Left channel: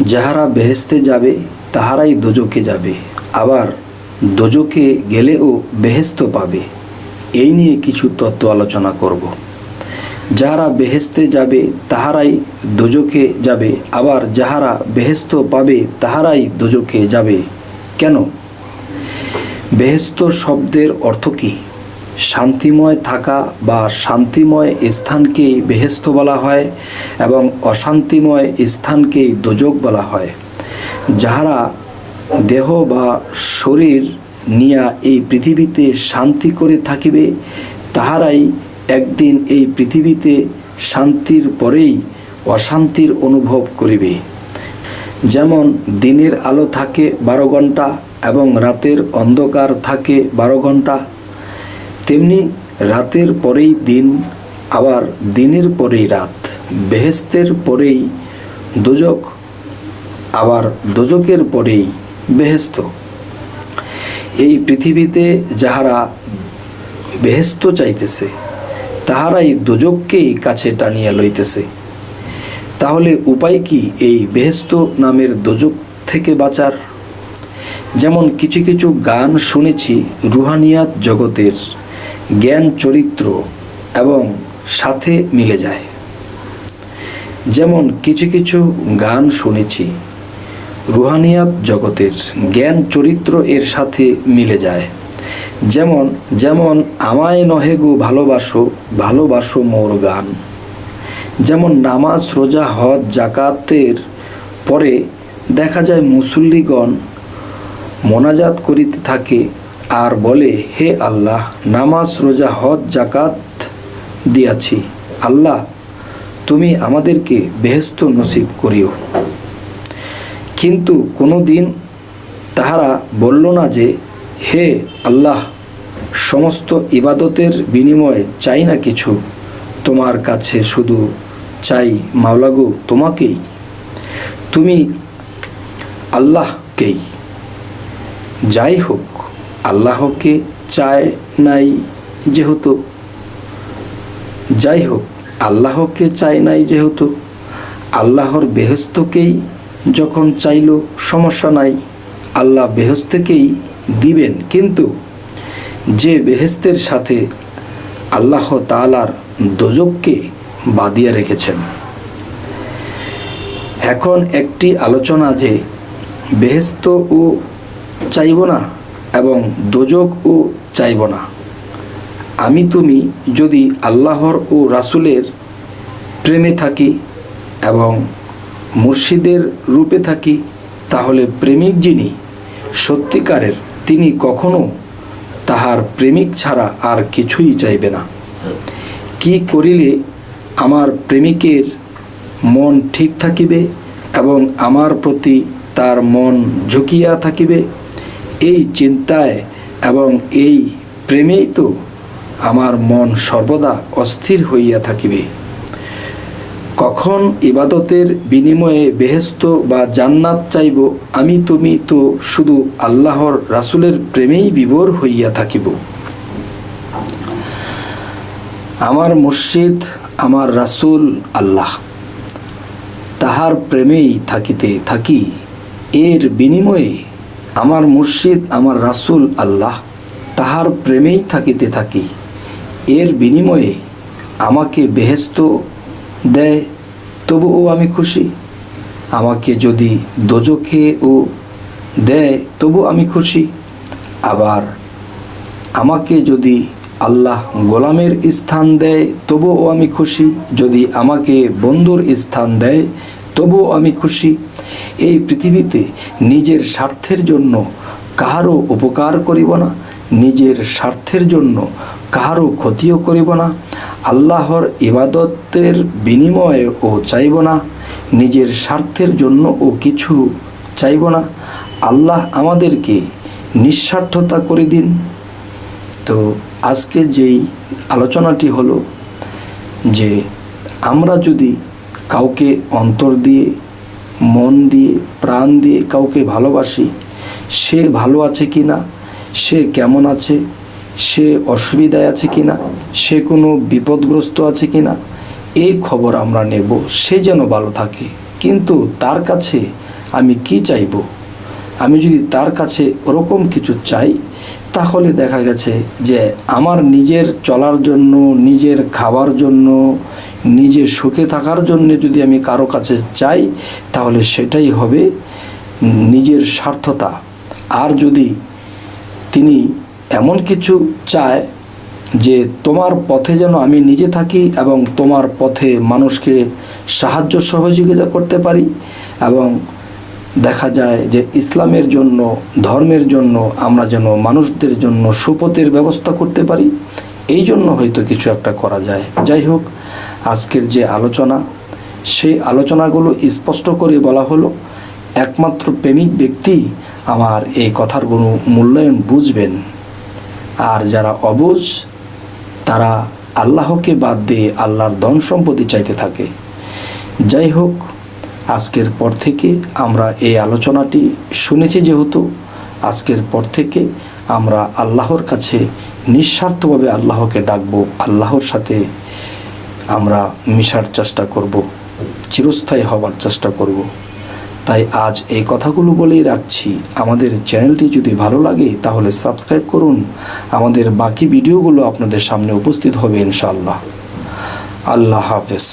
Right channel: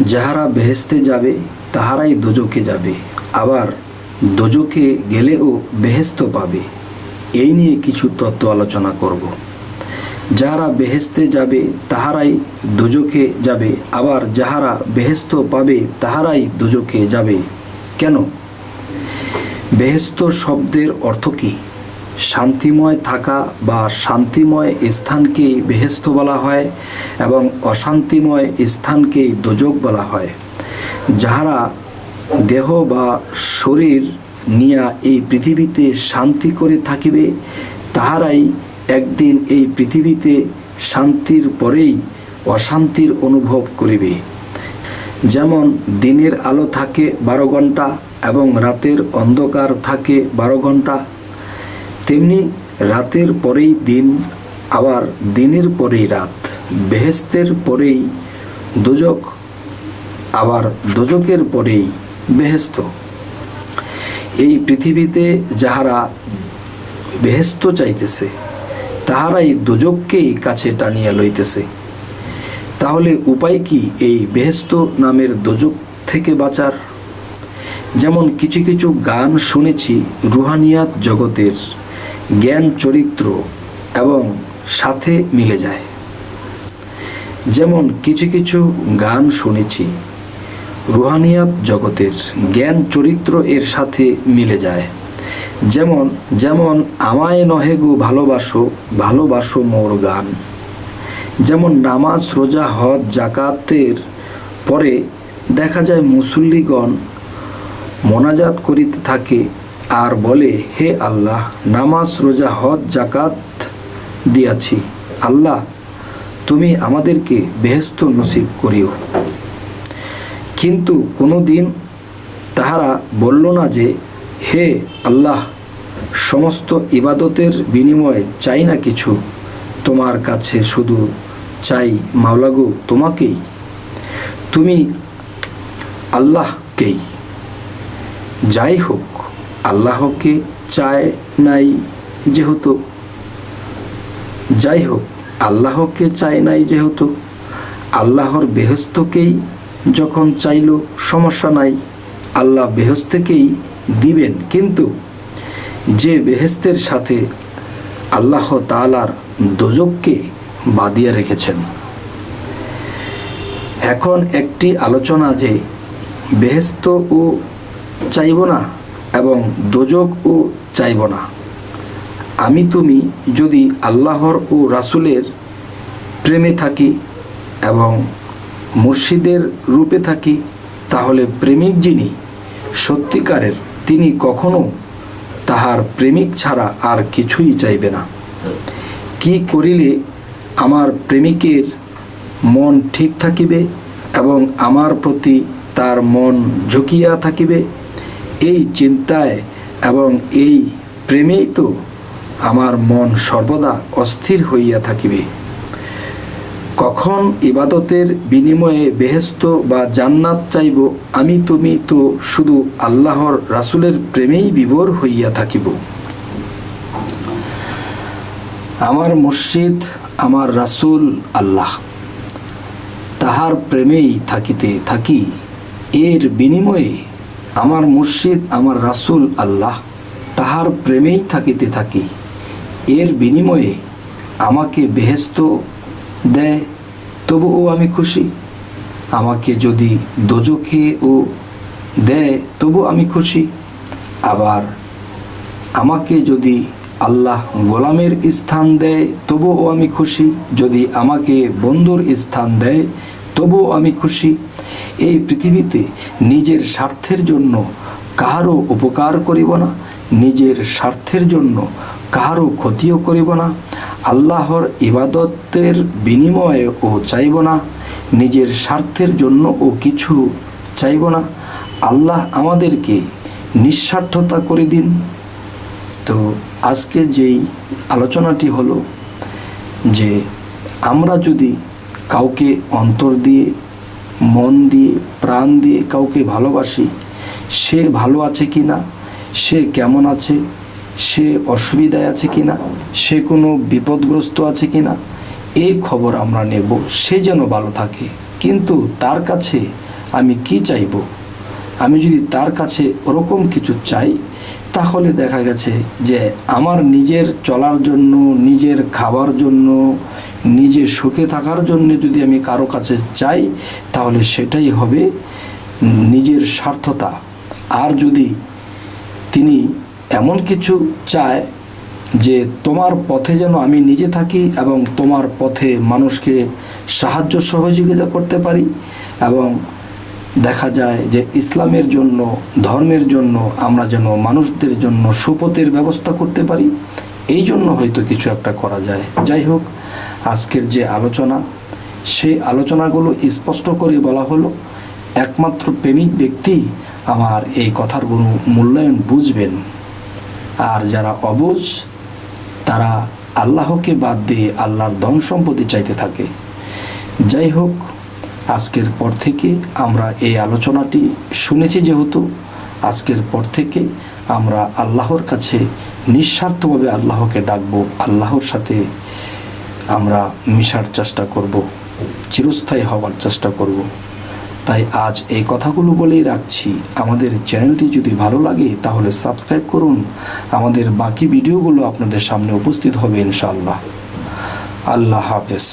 যাহারা বেহেস্তে যাবে, তাহারাই দোজকে যাবে। আবার দোজকে গেলেও বেহেস্ত পাবে। এই নিয়ে কিছু তত্ত্ব আলোচনা করব। যাহারা বেহেস্তে যাবে, তাহারাই দোজকে যাবে। আবার যাহারা বেহেস্ত পাবে, তাহারাই দোজকে যাবে। কেন? বেহেস্ত শব্দের অর্থ কী? শান্তিময় থাকা বা শান্তিময় স্থানকেই বেহেস্ত বলা হয় এবং অশান্তিময় স্থানকেই দোজক বলা হয়। যাহারা দেহ বা শরীর নিয়া এই পৃথিবীতে শান্তি করে থাকিবে, তাহারাই একদিন এই পৃথিবীতে শান্তির পরেই অশান্তির অনুভব করিবে। যেমন দিনের আলো থাকে বারো ঘণ্টা এবং রাতের অন্ধকার থাকে বারো ঘণ্টা তেমনি রাতের পরেই দিন, আবার দিনের পরেই রাত, বেহেস্তের পরেই দোজক, আবার দোজকের পরেই বেহেস্ত। এই পৃথিবীতে যাহারা বেহেস্ত চাইতেছে, তাহারাই দোজককেই কাছে টানিয়া লইতেছে। তাহলে উপায় কি এই বেহেস্ত নামের দোজক থেকে বাঁচার? যেমন কিছু কিছু গান শুনেছি রুহানিয়াত জগতের। জ্ঞান, চরিত্র এবং সাথে মিলে যায়। যেমন কিছু কিছু গান শুনেছি, রুহানিয়াত জগতের জ্ঞান, চরিত্র এর সাথে মিলে যায়। যেমন যেমন আমায় নহে গো ভালোবাসো ভালোবাসো মোর গান। যেমন নামাজ, রোজা, হজ, জাকাতের পরে দেখা যায় মুসল্লিগণ মোনাজাত করিতে থাকে আর বলে, হে আল্লাহ, নামাজ, রোজা, হজ জাকাত দিয়াছি। আল্লাহ, তুমি আমাদেরকে বেহেস্ত নসিব করিও। কিন্তু কোনো দিন তাহারা বলল না যে, হে আল্লাহ, সমস্ত ইবাদতের বিনিময়ে চাই না কিছু। তোমার কাছে শুধু চাই মাওলাগো তোমাকেই। তুমি আল্লাহকেই। যাই হোক আল্লাহকে চায় নাই যেহেতু। যাই হোক আল্লাহকে চায় নাই যেহেতু, আল্লাহর বেহস্তকেই যখন চাইল সমস্যা নাই, আল্লাহ বেহস্তেকেই দিবেন। কিন্তু যে বেহেস্তের সাথে আল্লাহ তালার দোজককে বাদিয়ে রেখেছেন। এখন একটি আলোচনা যে, বেহেস্ত ও চাইব না এবং দোজক ও চাইব না। আমি তুমি যদি আল্লাহর ও রাসুলের প্রেমে থাকি এবং মুর্শিদের রূপে থাকি, তাহলে প্রেমিক যিনি, সত্যিকারের তিনি কখনো তাহার প্রেমিক ছাড়া আর কিছুই চাইবে না। কি করিলে আমার প্রেমিকের মন ঠিক থাকিবে এবং আমার প্রতি তার মন ঝুঁকিয়া থাকিবে? এই চিন্তায় এবং এই প্রেমেই তো আমার মন সর্বদা অস্থির হইয়া থাকিবে। কখন ইবাদতের বিনিময়ে বেহেস্ত বা জান্নাত চাইব, আমি তুমি তো শুধু আল্লাহর রাসুলের প্রেমেই বিভোর হইয়া থাকিব। আমার মসজিদ আমার রাসুল আল্লাহ, তাহার প্রেমেই থাকিতে থাকি। এর বিনিময়ে আমার মুর্শিদ, আমার রাসুল আল্লাহ, তাহার প্রেমেই থাকিতে থাকি। এর বিনিময়ে আমাকে বেহেস্ত দেয়, তবুও আমি খুশি। আমাকে যদি দোজখে ও দেয় তবু আমি খুশি। আবার আমাকে যদি আল্লাহ গোলামের স্থান দেয়, তবুও আমি খুশি। যদি আমাকে বন্ধুর স্থান দেয় তবুও আমি খুশি। এই পৃথিবীতে নিজের স্বার্থের জন্য কাহারও উপকার করিব না, নিজের স্বার্থের জন্য কাহারও ক্ষতিও করিব না, আল্লাহর ইবাদতের বিনিময়ে ও চাইব না, নিজের স্বার্থের জন্য ও কিছু চাইব না। আল্লাহ আমাদেরকে নিঃস্বার্থতা করে দিন। তো আজকে যেই আলোচনাটি হলো যে আমরা যদি কাউকে অন্তর দিয়ে, মন দিয়ে, প্রাণ দিয়ে কাউকে ভালোবাসি, সে ভালো আছে কি না সে কেমন আছে, সে অসুবিধায় আছে কি না সে কোনো বিপদগ্রস্ত আছে কি না এই খবর আমরা নেব, সে যেন ভালো থাকে। কিন্তু তার কাছে আমি কি চাইব? আমি যদি তার কাছে ওরকম কিছু চাই, তাহলে দেখা গেছে যে আমার নিজের চলার জন্য, নিজের খাবার জন্য নিজের সুখে থাকার জন্য যদি আমি কারও কাছে চাই, তাহলে সেটাই হবে নিজের স্বার্থতা। আর যদি তিনি এমন কিছু চায় যে তোমার পথে যেন আমি নিজে থাকি এবং তোমার পথে মানুষকে সাহায্য সহযোগিতা করতে পারি এবং দেখা যায় যে ইসলামের জন্য, ধর্মের জন্য আমরা যেন মানুষদের জন্য সুপথের ব্যবস্থা করতে পারি, এই জন্য হয়তো কিছু একটা করা যায়। যাই হোক, আজকের যে আলোচনা, সেই আলোচনাগুলো স্পষ্ট করে বলা হলো, একমাত্র প্রেমিক ব্যক্তি আমার এই কথার কোনো মূল্যায়ন বুঝবেন। আর যারা অবুঝ, তারা আল্লাহকে বাদ দিয়ে আল্লাহর ধন সম্পত্তি চাইতে থাকে। যাই হোক আজকের পর থেকে আমরা এই আলোচনাটি শুনেছি যেহেতু, আজকের পর থেকে আমরা আল্লাহর কাছে নিঃস্বার্থভাবে আল্লাহকে ডাকবো, আল্লাহর সাথে আমরা মিশার চেষ্টা করব, চিরস্থায়ী হওয়ার চেষ্টা করব। তাই আজ এই কথাগুলো বলেই রাখছি। আমাদের চ্যানেলটি যদি ভালো লাগে তাহলে সাবস্ক্রাইব করুন। আমাদের বাকি ভিডিওগুলো আপনাদের সামনে উপস্থিত হবে ইনশাআল্লাহ। আল্লাহ হাফেজ।